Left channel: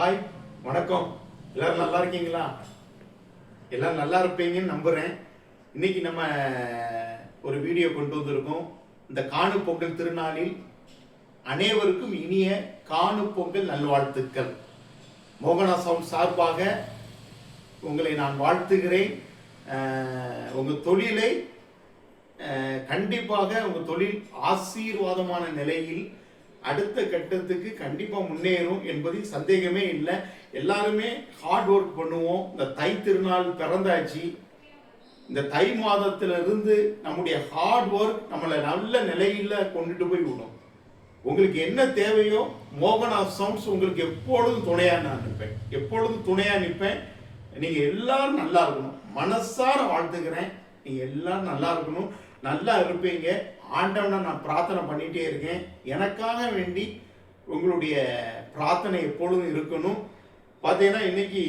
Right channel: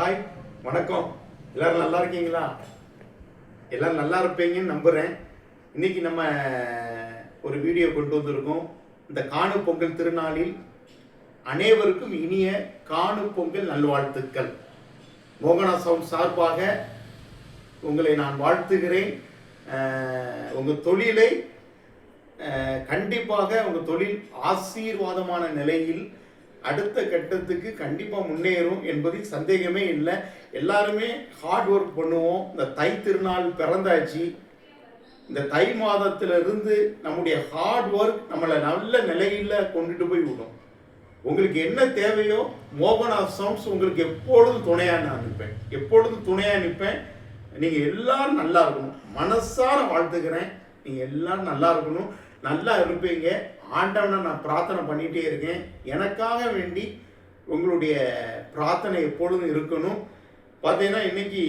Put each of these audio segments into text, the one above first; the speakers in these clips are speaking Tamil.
ஹாய், வணக்கம். எல்லாரும் நல்லா இருக்கீங்களா? எல்லாரும் நல்லா இருப்பீங்கன்னு நம்புகிறேன். இன்னைக்கு நம்ம ஒரு வீடியோ கொண்டு வந்திருக்கோம். இந்த காணும் பொங்கல் திருநாளில் அனைவருக்கும் இனிய காணும் பொங்கல் நல்வாழ்த்துக்கள். மோகனா சவுண்ட் சார்பாக உங்களை நான் வாழ்த்துகிறேன். உங்கள் தொழிலை கண்டிப்பாக உங்கள் தொழில் ஆசீர்வாதமான நிலையில் அடுத்த கட்டத்துக்கு கண்டிப்பாக முன்னேறும் என்பதில் சந்தேகமே இல்லை. எல்லாருமே ஹார்ட் ஒர்க் பண்ணுவோம். இந்த தை திருநாள் பிறந்தாச்சு. இந்த தை மாதத்திலிருந்து நம்முடைய ஹார்ட் ஒர்க் நம்மளை நல்ல நிலையில் கொண்டுட்டு போய் விடும். உங்களுக்கு என்ன தேவையோ மோகனா சவுண்ட்ஸ் உங்களுக்கு எப்பொழுதும் துணையாக நான் நிற்பேன். எப்பொழுதும் துணையாக நிற்பேன். நீங்கள் எல்லாரும் நல்லா இருக்கணும். மனசார வாழ்த்துக்கிறேன். நீங்கள் எல்லாரும் நல்லா இருக்கணும், நல்லா இருப்பீங்க. ஆண்டவனை நான் பிரார்த்தனை பண்ணிகிட்டே இருக்கேன். எனக்காக வேண்டி உங்களுடைய பிரார்த்தனை எப்பொழுதும் இருக்கணும். பார்த்தீங்கன்னா இன்னைக்கு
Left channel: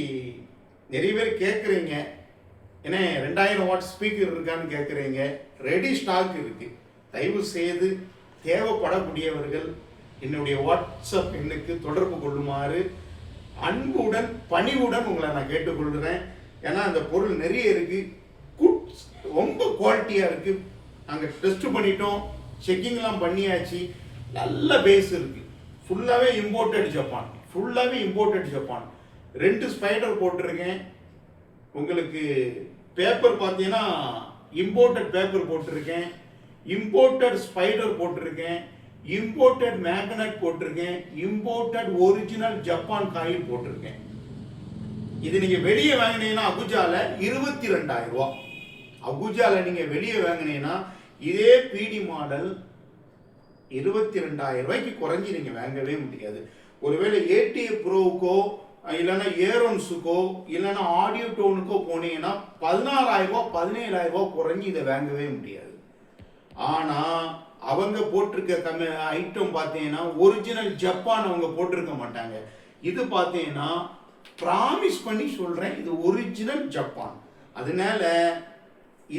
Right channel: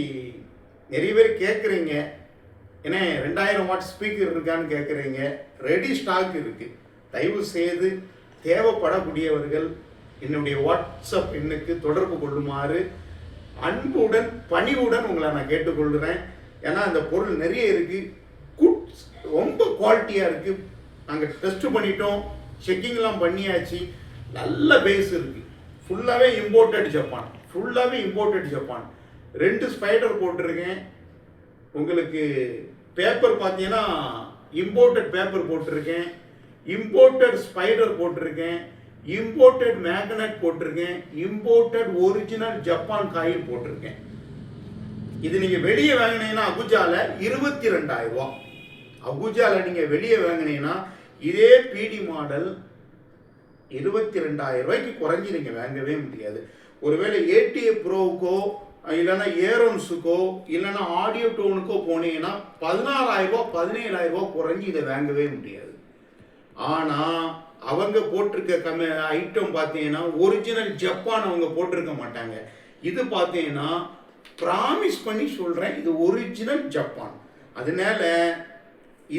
நிறைய பேர் கேட்குறீங்க, ஏன்னா 2000 வாட் ஸ்பீக்கர் இருக்கான்னு கேட்குறீங்க. ரெடி ஸ்டாக் இருக்குது. தயவு செய்து தேவைப்படக்கூடியவர்கள் என்னுடைய வாட்ஸ்அப் எண்ணுக்கு தொடர்பு கொள்ளுமாறு அன்புடன் பணிவுடன் உங்களை நான் கேட்டுக்கொள்கிறேன். ஏன்னா அந்த பொருள் நிறைய இருக்குது, ரொம்ப குவாலிட்டியாக இருக்குது. நாங்கள் டெஸ்ட் பண்ணிட்டோம், செக்கிங்லாம் பண்ணியாச்சு. நல்ல பேஸ் இருக்குது. ஃபுல்லாகவே இம்போர்ட்டட் ஜப்பான். 2 ஸ்பைடர் போட்டிருக்கேன். உங்களுக்கு பேப்பர் பார்த்தீங்கன்னா இம்போர்ட்டட் பேப்பர் போட்டிருக்கேன், இம்போர்ட்டட் ஸ்பைடர் போட்டிருக்கேன், இம்போர்ட்டட் மேக்னட் போட்டிருக்கேன், இம்போர்ட்டட் ஒரிஜினல் ஜப்பான் காயில் போட்டிருக்கேன். இது நீங்கள் வெளியே வாங்கினீங்கன்னா அகுஜால 22,000 ரூபா. அகுஜால நீங்கள் வெளியே வாங்கினீங்கன்னா இதே பிடி மாடல் 22,000 ரூபாய்க்கு குறைஞ்சி நீங்கள் வாங்கவே முடியாது. ஒருவேளை ஏடிஏ ப்ரோவுக்கோ இல்லைன்னா ஏரோன்ஸுக்கோ இல்லைன்னா ஆடியோ டோனுக்கோ போனீங்கன்னா 16,000 ரூபா 17,000 ரூபா குறைஞ்சி இதை வாங்கவே முடியாது. ஆனால் அவங்க போட்டிருக்க ஐட்டம் பார்த்தீங்கன்னா ஒரிஜினல் ஜப்பான் அவங்க போட்டிருக்க மாட்டாங்க. இது பார்த்தீங்கன்னா ப்ராமிஸ் பண்ணி சொல்கிறேன், இது ஒரிஜினல் ஜப்பான். அதனால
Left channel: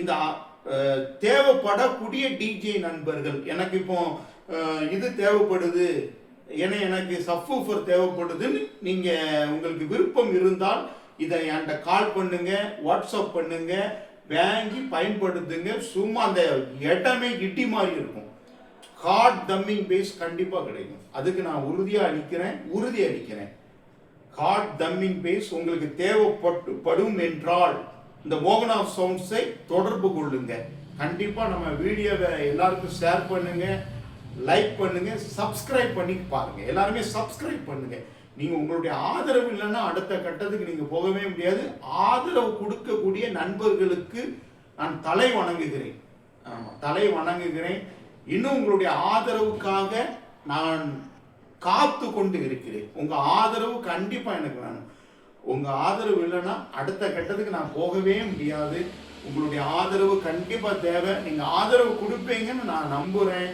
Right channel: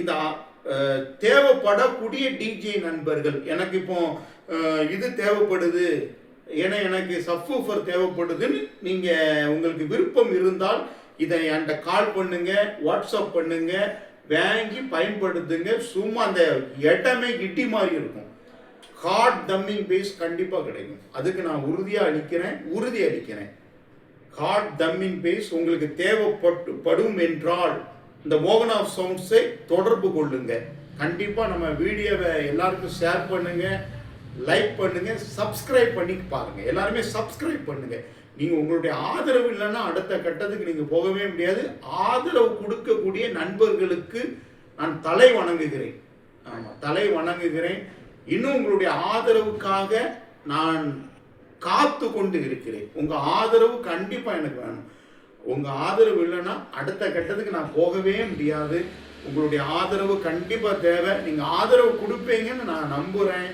இந்த தேவைப்படக்கூடிய டிஜே நண்பர்கள், எனக்கு இப்போ இது தேவைப்படுது, ஏன்னா எனக்கு சப்வூஃபர் தேவைப்படுதுன்னு நீங்கள் உங்களுக்கு விருப்பம் இருந்தால் இதை என்கிட்ட கால் பண்ணுங்க, வாட்ஸ்அப் பண்ணுங்க, வாங்கி பயன்படுத்துங்க. சும்மா அந்த இடமே இட்டி மாதிரி இருக்கும். ஹார்ட் தம்மிங் பேஸ் கண்டிப்பாக கிடைக்கும். அதுக்கு நான் உறுதி அளிக்கிறேன். ஹார்ட் தம்மிங் பேஸ் உங்களுக்கு தேவைப்படும் என்றால் இந்த மோகனா சவுண்ட்ஸை தொடர்பு கொள்ளுங்க. கண்டிப்பாக நம்ம வீடியோவை எல்லாருக்கும் ஷேர் பண்ணுங்க, லைக் பண்ணுங்க, சப்ஸ்கிரைப் பண்ணி பாருங்க. எல்லாருமே சப்ஸ்கிரைப் பண்ணுங்க. நீங்கள் உங்களுடைய ஆதரவு இல்லைன்னா அடுத்த கட்டத்துக்கு நீங்கள் போகவே முடியாது. ஆதரவு கொடுக்கக்கூடிய நண்பர்களுக்கு நான் தலை வணங்குகிறேன். இன்னும் உங்களுடைய ஆதரவுக்காக நான் காத்து கொண்டு இருக்கிறேன். உங்கள் ஆதரவு கண்டிப்பாக எனக்கு வேணும். உங்கள் ஆதரவு இல்லைன்னா அடுத்த கட்டத்துக்கு நான் போகவே முடியாது. உங்களுடைய ஆதரவு கண்டிப்பாக தேவை. நீங்கள் ஆதரவு கொடுப்பீங்கன்னு நான் நம்புகிறேன்.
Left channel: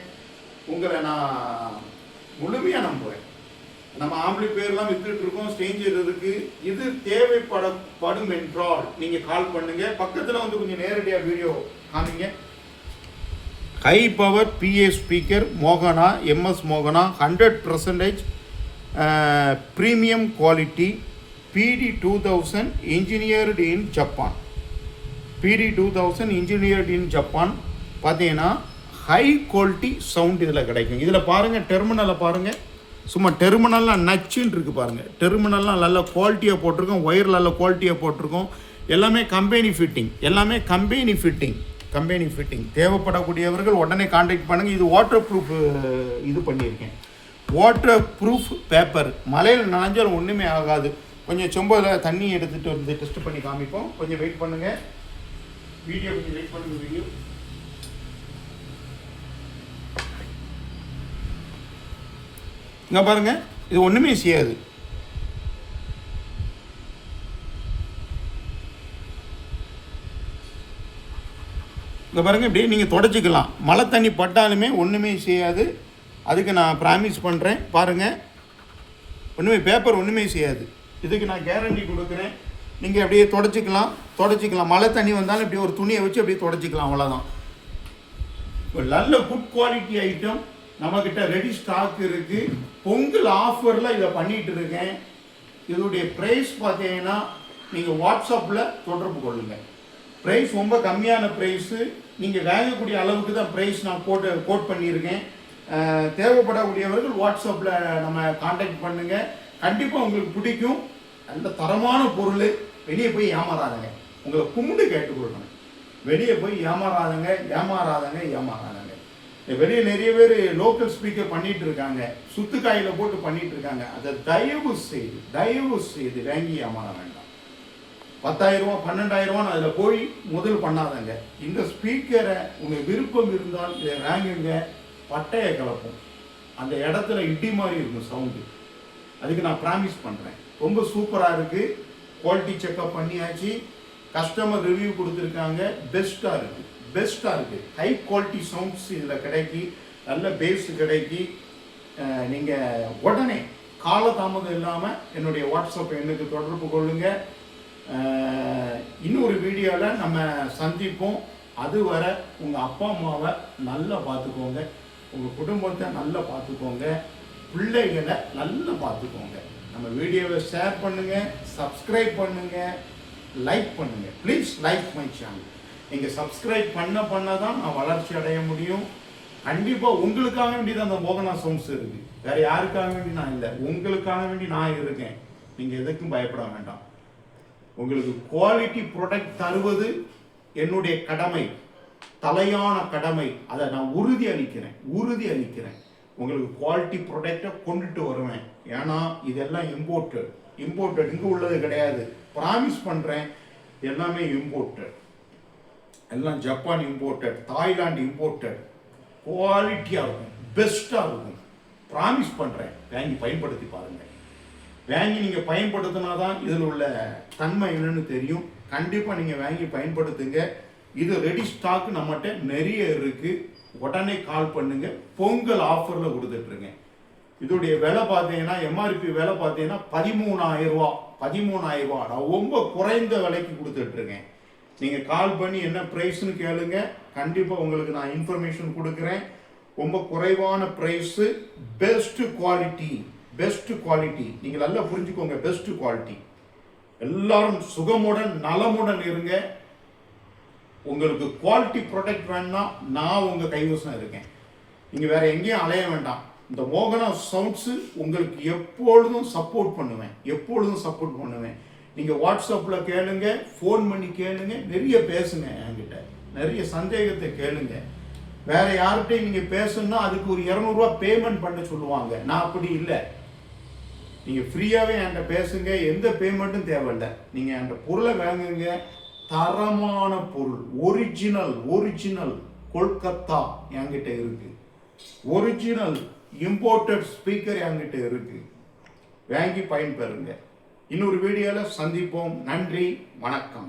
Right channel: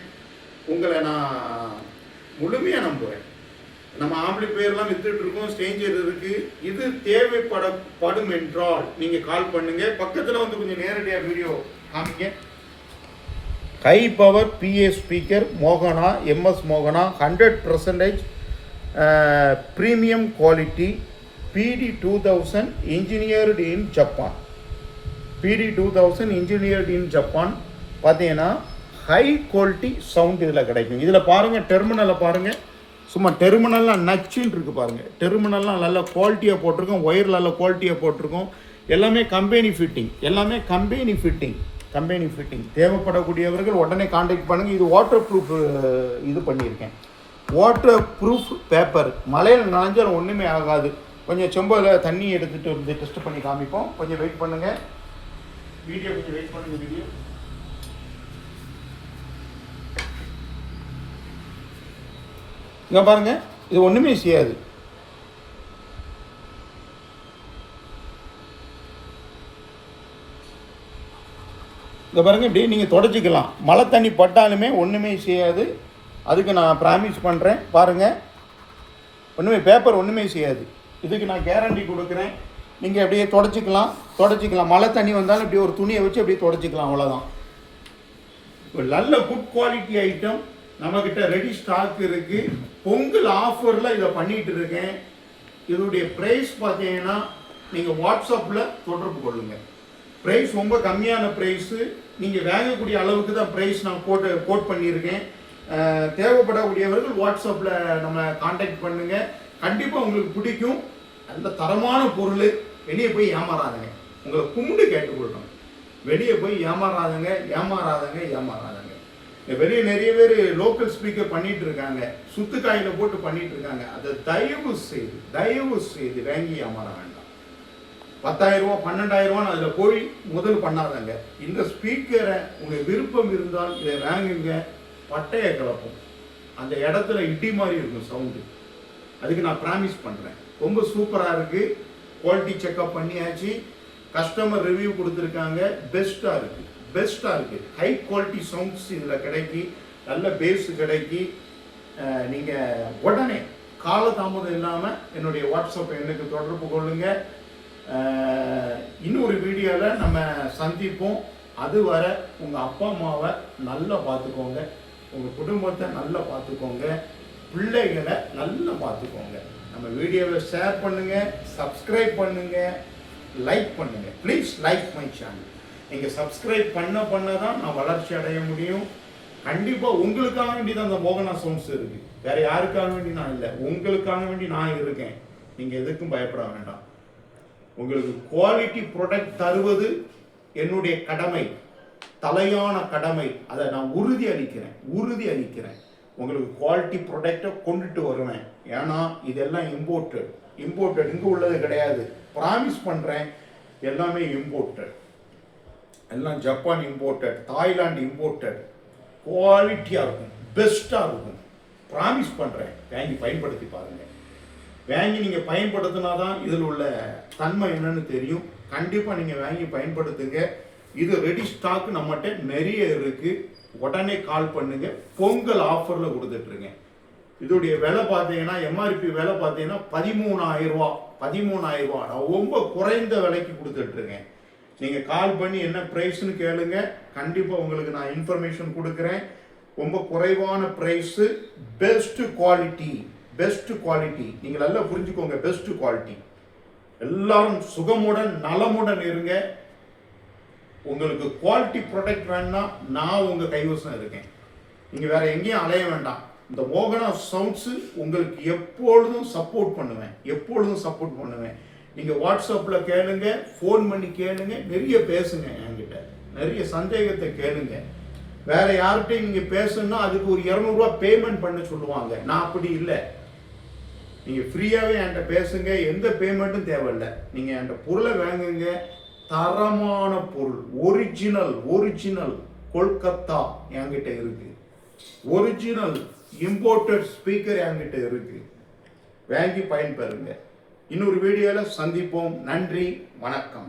உங்களை நான் முழுமையாக நம்புகிறேன். நம்ம ஆம்பளை பேர்லாம் வித்துட்டு இருக்கோம், ஸ்ட்ரேஞ்சர் இருக்குது. இது தேவைப்படும் என்றால் நீங்கள் கால் பண்ணுங்கள். பக்கத்தில் வந்து கொஞ்சம் நேரடியாக வீடியோ காமிங்க. ஹை பவர் பிஏ ஸ்பீக்கர் மோகனா, எம்எஸ் மோகனா, 100% premium quality, PD2000 engineered in Japan. PD2000 engineered in Japan. பார்த்தீங்கன்னா ஹை குவாலிட்டி சவுண்ட் இதில் கிடைக்கும். இதில் பாருங்கள், டெர்மினலை பாருங்கள். சும்மா டெர்மினல்லாம் நச்சுன்னு இருக்குது பாருங்கள். டெர்மினல்லாம் நல்ல குவாலிட்டியாக போட்டிருக்கோம், ஒயர் நல்ல குவாலிட்டியாக போட்டிருக்கோம். எல்லாமே கம்பெனி ஃபிட்டிங். தேவைப்படக்கூடியவர்கள் உடனே கான்டாக்ட் பண்ணுங்கள். இது வாட்டர் ப்ரூஃப் இது பண்ணியிருக்கேன். Water proof paper. மழையில் நனைஞ்சால் ஒன்றுமே ஆகாது. கொஞ்சம் செம்பில் தண்ணி எடுத்துகிட்டு வந்து டெஸ்ட் பண்ணி காமிப்போம். கொஞ்சம் வெயிட் பண்ணுங்கள். வீடியோ இங்கே பாருங்கள், இது ஒன்றுமே செய்யாது. இங்கே பாருங்கள், இப்படி நீங்கள் தொடச்சிக்கலாம். மழை தண்ணி பட்டாலுமே ஒன்றுமே செய்யாது. அதுக்கு நான் ப்ராமிஸ் பண்ணுறேன். பாருங்கள், பேப்பர் ஒன்றுமே செய்யாது. இதுக்கு நான் கேரண்டி கொடுக்குறேன். நீங்கள் அப்படியே தொடச்சிக்கலாம். மழை தண்ணி வந்தாலும் இப்படி ஒரு துணியை வச்சு அப்படியே தொடச்சிக்கலாம். அவ்வளோதான். ஒரு நல்ல குட் குவாலிட்டி ஐட்டம். நம்மக்கிட்ட ரெடி ஸ்டாக் இருக்குது. பொங்கல் ஆஃபரில் இதை பண்ணிகிட்டு இருக்கேன். இதனுடைய ப்ரைஸ் பார்த்தீங்கன்னா நீங்கள் வாட்ஸ்அப்பில் தொடர்பு கொள்ளுங்கள். ப்ரைஸ் ரொம்ப கம்மியான ப்ரைஸு, நீங்கள் வாங்கக்கூடிய அளவுக்கு தான் ப்ரைஸ் நான் கோட் பண்ணியிருக்கேன். தேவைப்படக்கூடியவர்கள் வாட்ஸ்அப்பில் நம்ம காண்டாக்ட் பண்ணுங்கள். கண்டிப்பாக உங்களுக்கு பிடிக்கும். நல்ல தரமான பொருள். வெளியே போய் ஏமாறாதங்க. உங்களை கும்பிட்டு கேட்டுக்கொள்கிறேன், வெளியே போய் ஏமாறாதங்க. வெளியே நிறைய பேர் லோக்கல் ஸ்பீக்கர் பண்ணிட்டு இருக்காங்க, சுத்துக்காயில போட்டு பண்ணிட்டு இருக்காங்க. அதை தயவு செய்து வாங்கி ஏமாற வேண்டாம். 10,000 ரூபா 12,000 ரூபான்னு அதில் போய் முதல் பண்ணாதங்க. இந்த ஸ்பீக்கரை உங்கள் விருப்பம் இருந்தால் இதை வாங்குங்க. பட்டையை கலப்போம், அந்த இடத்துல இடி மாதிரி இருக்கும் சவுண்டு. அதுக்கு நான் ப்ராமிஸ் பண்ணுறேன். ரொம்ப சூப்பராக இருக்குது. குவாலிட்டி செக்அப் பண்ணியாச்சு, கஸ்டமர் ரிவ்யூ கொடுத்துருக்காங்க. பெஸ்ட்டாக இருக்குது. ஹை குவாலிட்டி சவுண்ட்ஸ் இதில் கிடைக்கி, நல்ல பேஸ் கிடைக்கி. நீங்கள் உடனே காலதாமதம் இல்லாமல் என்னுடைய வாட்ஸ்அப் எண்ணுக்கு தொடர்பு கொள்ளுங்கள். இன்னொரு வீடியோவில் நம்ம சந்திப்போம். அதுவரை உங்கள் அப்பா அம்மாவை நல்லா பார்த்துக்கோங்க, உங்கள் குடும்பத்தை நல்லா பார்த்துக்கோங்க, பிள்ளைகளை நல்லா பார்த்துக்கோங்க. நம்ம வீடியோவை ஷேர் பண்ணுங்கள், சப்ஸ்கிரைப் பண்ணுங்கள், லைக் பண்ணுங்கள். Please like my channel. நீங்கள் சப்ஸ்கிரைப் பண்ண தான் நான் வளர்ச்சி அடைய முடியும். கண்டிப்பாக உங்களுக்காக வேண்டி தான் அந்த மோகனா சவுண்ட்ஸ் இருக்குது. வேறு யாருக்காக வேண்டி நான் இல்லை, உங்களுக்காக வேண்டி நான் இருக்கேன். நீங்கள் எதுக்கும் பயப்பட வேண்டாம். உங்களுக்கு குவாலிட்டி ப்ராடக்ட் தருவது என்னுடைய கடமை, தலையான கடமை. அதை நான் உறுதி அளிக்கிறேன். உங்களுக்கு குவாலிட்டி ப்ராடக்டை கொண்டுட்டு வருவேன். ஏன்னா இதெல்லாம் இம்போர்ட்டட் இங்கே உள்ளது கிடையாது. ப்ராமிஸ் பண்ணுறேன், எல்லாமே இம்போர்ட்டட். எல்லாம் ஜப்பான் இம்போர்ட்டட், தாய்லாந்து இம்போர்ட்டட். குவாலிட்டியாக இருக்கும், பெஸ்ட்டாக இருக்கும். ப்ராமிஸ் பண்ணுறேன். வாங்கி பயன்படுத்தி பாருங்கள். வாங்கி நீங்கள் பயன்படுத்தினா தான் இதில் உள்ள தன்மை என்னன்னு தெரியும். கண்டிப்பாக நீங்கள் வாங்கி பயன்படுத்துங்க. இது ரெடி ஸ்டாக் நம்மகிட்ட நிறைய இருக்குது. உடனே கால் பண்ணுங்க. பொங்கல் ஆஃபரில் கொடுத்துட்ருங்க. இதோடைய விலை பார்த்தீங்கன்னா, எம்ஆர்பி விலை பார்த்தீங்கன்னா 13,000 ரூபா. நான் ரொம்ப குறைந்த விலைக்கு கொடுத்துட்ருக்கேன். நீங்கள் கால் பண்ணி என்ன ப்ரைஸ்னு கேளுங்க. கண்டிப்பாக உங்களுக்கு நான் இன்ஃபர்மேஷன் கொடுக்குறேன். ரொம்ப குறைவான ப்ரைஸு, பெஸ்ட் குவாலிட்டி. நீங்கள் நல்லா புரிஞ்சுக்கோங்க. Best quality. எல்லாரும் சுகமுடன் நலமுடன் இருங்க. உங்களுக்கு குவாலிட்டி ப்ராடக்ட் வேணும்னா நான் உங்கள் கைவசம் இருக்கேன். நீங்கள் வேற எங்கேயும் அலைய வேண்டாம். இந்த மோகனா சவுண்ட்ஸு உங்களுக்கு எப்பொழுதும் சப்போர்ட் பண்ணுவேன். நீங்கள் வாட்ஸ்அப்பில் கேளுங்க, ஃபோன் பண்ணி கேளுங்க, நிறைய பேசுங்க. என்கிட்ட நிறைய சந்தேகத்தை கேளுங்க. வேற யார்கிட்டையும் நீங்கள் பேசணும்னா அதுக்கு ஒரு 200 ரூபா பேமெண்ட் பண்ண சொல்லுவாங்க. நான் அப்படி இல்லை. நீங்கள் ஃப்ரீயாகவே என்கிட்ட பேசுங்க. எந்த பேமெண்ட்டும் தேவையில்லை. நீங்கள் என்கிட்ட பொருளை வாங்குங்க. தரமான பொருள், ஒரிஜினல் கொல்கத்தா என்கிட்ட இருக்கு. ஒரிஜினல் இம்போர்ட்டட் ஸ்பீக்கர் என்கிட்ட இருக்கு. வாங்கி பயன்பெறுங்க. இன்னொரு வீடியோவில் சந்திப்போம். நன்றி, வணக்கம்.